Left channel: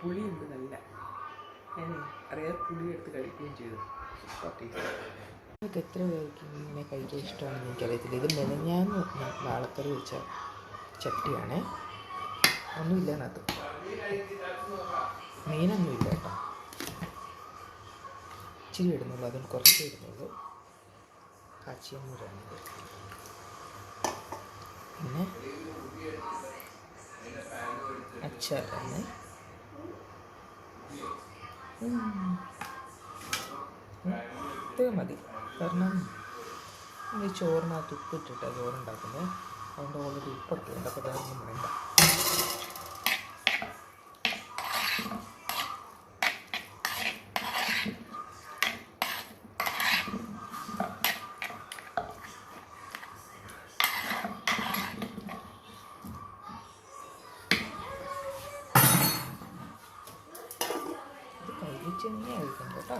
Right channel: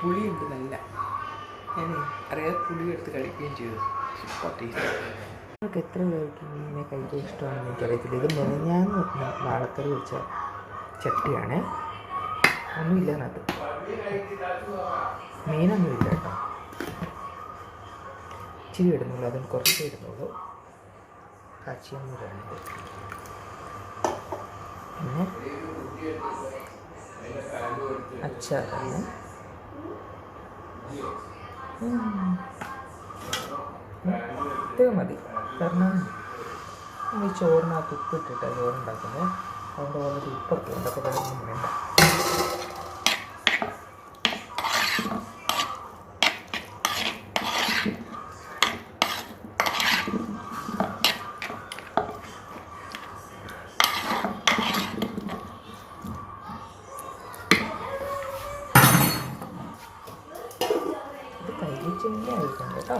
പുളിയുണ്ട് നല്ല. ഞാൻ അറിയാതെ പുളി എടുത്ത് കഴിക്കുകയും ചെയ്തു. Super taste. നിങ്ങൾക്ക് എത്ര പേർക്ക് ഇങ്ങനെ കഴിക്കാൻ ഇഷ്ടമാണെന്ന് എനിക്കറിയത്തില്ല. ഇത് മെനഞ്ഞാന്ന് വാളക്കറി വെച്ച ചട്ടിയാണേ. ഒന്നുമില്ല അതിനകത്ത്, മീനൊന്നുമില്ല കേട്ടോ. ഇച്ചിരി ഇടുന്നുള്ളൂ, അതും കുറച്ചേ ഇടുന്നുള്ളൂ. കാച്ചിയമ്മൂരാണ്. പിന്നെ അച്ചാറാണ്. ഇത് മതി. കാരണം ഈ ചോറിനകത്ത് ഉപ്പിട്ടിട്ടാണ് ചോറുണ്ടാക്കുന്നത്. അതുകൊണ്ട് ഓൾറെഡി ഉപ്പൊക്കെ ഉണ്ട്. അപ്പോൾ വേറൊന്നും വേണ്ട. ഇത് കഴിച്ചിങ്ങനെ ആയിരിക്കും കേട്ടോ.